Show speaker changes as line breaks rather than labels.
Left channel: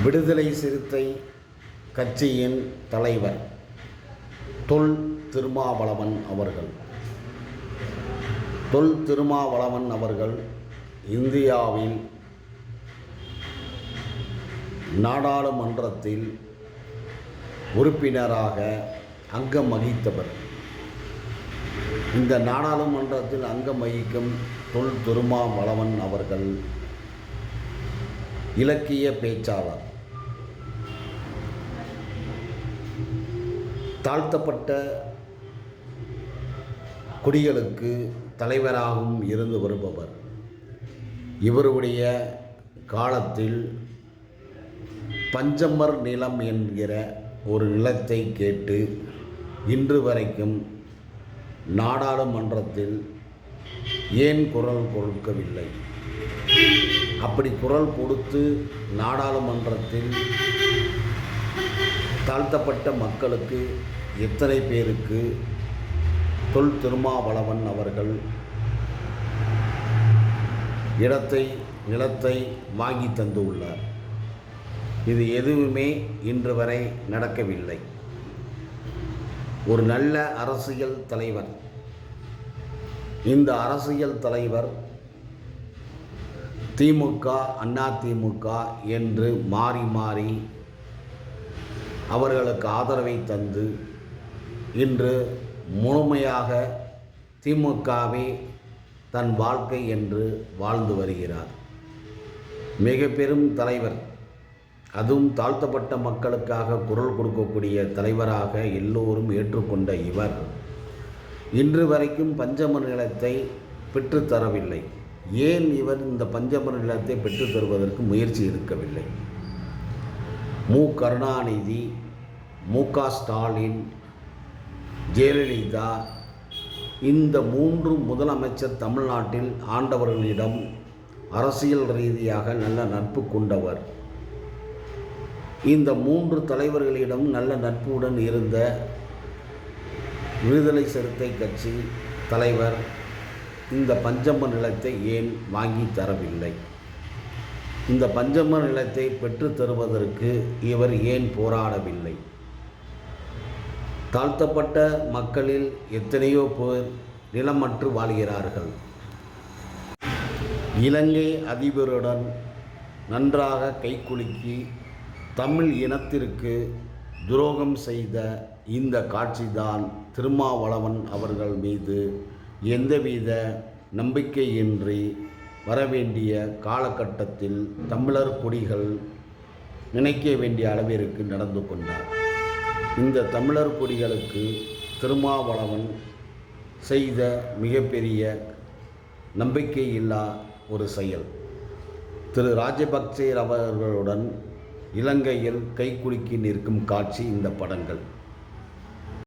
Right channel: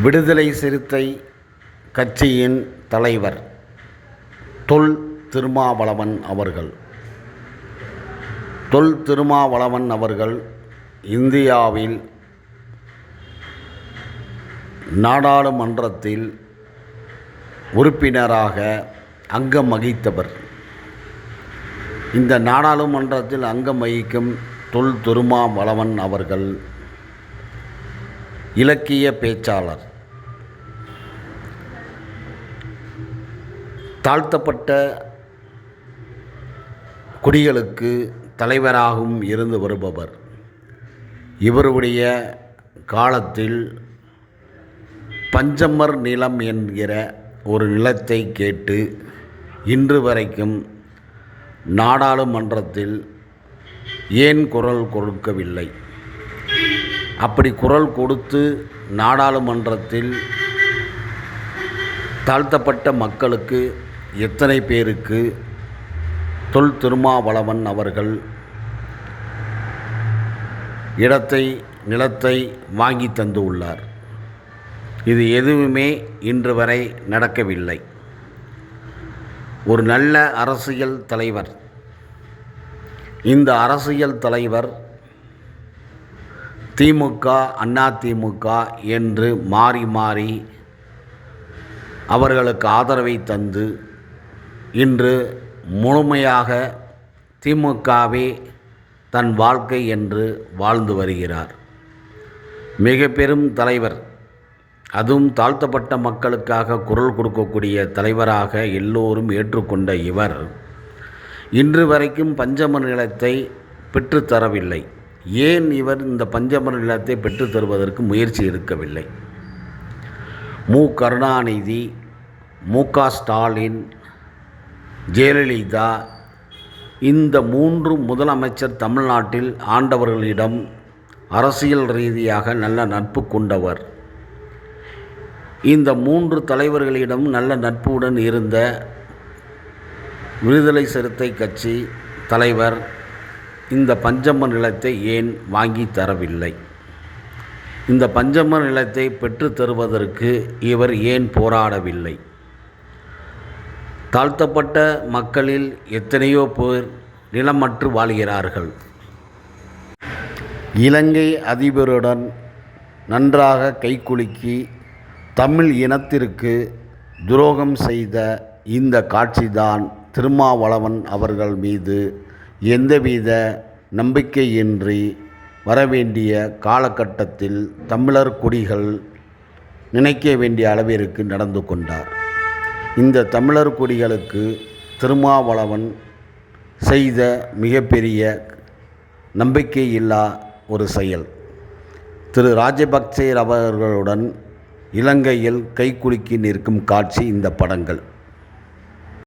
விடுதலை சிறுத்தை கட்சியின் தலைவர் தொல் திருமாவளவன் அவர்கள். தொல் திருமாவளவன் அவர்கள் இந்தியாவில் நாடாளுமன்றத்தில் உறுப்பினராக அங்கம் வகித்தவர். இந்த நாடாளுமன்றத்தில் அங்கம் வகிக்கும் தொல் திருமாவளவன் அவர்கள் இலக்கிய பேச்சாளர். தாழ்த்தப்பட்ட குடிகளுக்கு தலைவராகவும் இருந்து வருபவர். இவருடைய காலத்தில் பஞ்சமர் நிலம் என்கிற ஒரு நிலத்தை கேட்டு இன்று வரைக்கும் நாடாளுமன்றத்தில் ஏன் குரல் கொடுக்கவில்லை? அப்படி குரல் கொடுத்து நாடாளுமன்றத்தில் தாழ்த்தப்பட்ட மக்களுக்கு எத்தனை பேருக்கு தொல் திருமாவளவன் அவர்கள் இடத்தை நிலத்தை வாங்கி தந்து உள்ளார் இது எதுவுமே இன்று வரை நடக்கவில்லை. ஒரு நல்ல அரசியல் தலைவர் இந்த அரசியல் தலைவர் திமுக அண்ணா திமுக என்று மாறி மாறி அவர்களுக்கு ஆதரவை தந்து இன்று முழுமையாக திமுகவே தன் வாழ்க்கை என்று வாழ்ந்து வருகிறார். மிக பெரும் தலைவர் அதுவும் தாழ்த்தப்பட்ட மக்களுக்காக குரல் கொடுக்கக்கூடிய தலைவராக எல்லோரும் ஏற்றுக்கொண்ட இவர் இன்று வரைக்கும் பஞ்சம நிலத்தை பெற்றுத்தரவில்லை. ஏன் இவர் இந்த பஞ்சமர நிலத்தை பெற்றுத் தருவதற்கு முயற்சி எடுக்கவில்லை? மு. கருணாநிதி மு. க. ஸ்டாலின் ஜெயலலிதா இந்த மூன்று முதலமைச்சர் தமிழ்நாட்டில் ஆண்டவர்களிடம் அரசியல் ரீதியாக நல்ல நட்பு கொண்டவர். இந்த மூன்று தலைவர்களிடம் நல்ல நட்புடன் இருந்த விடுதலை சிறுத்தை கட்சி தலைவர் இந்த பஞ்சம நிலத்தை ஏன் வாங்கி தரவில்லை? இந்த பஞ்சம நிலத்தை பெற்றுத் தருவதற்கு இவர் ஏன் போராடவில்லை? தாழ்த்தப்பட்ட மக்களில் எத்தனையோ பேர் நிலமற்று வாழ்கிறார்கள். இலங்கை அதிபருடன் நன்றாக கைக்குலுக்கி தமிழ் இனத்திற்கு துரோகம் செய்த இந்த காட்சிதான் திருமாவளவன் அவர்கள் மீது எந்தவித நம்பிக்கையின்றி வரவேண்டிய காலகட்டத்தில் தமிழர் குடிகள் நினைக்க வேண்டிய அளவிற்கு நடந்து கொண்டார். இந்த தமிழர் குடிகளுக்கு திருமாவளவன் செய்த மிகப்பெரிய நம்பிக்கையில்லா ஒரு செயல். திரு ராஜபக்சே அவர்களுடன் இலங்கையில் கைக்குலுக்கி நிற்கும் காட்சி இந்த படங்கள்.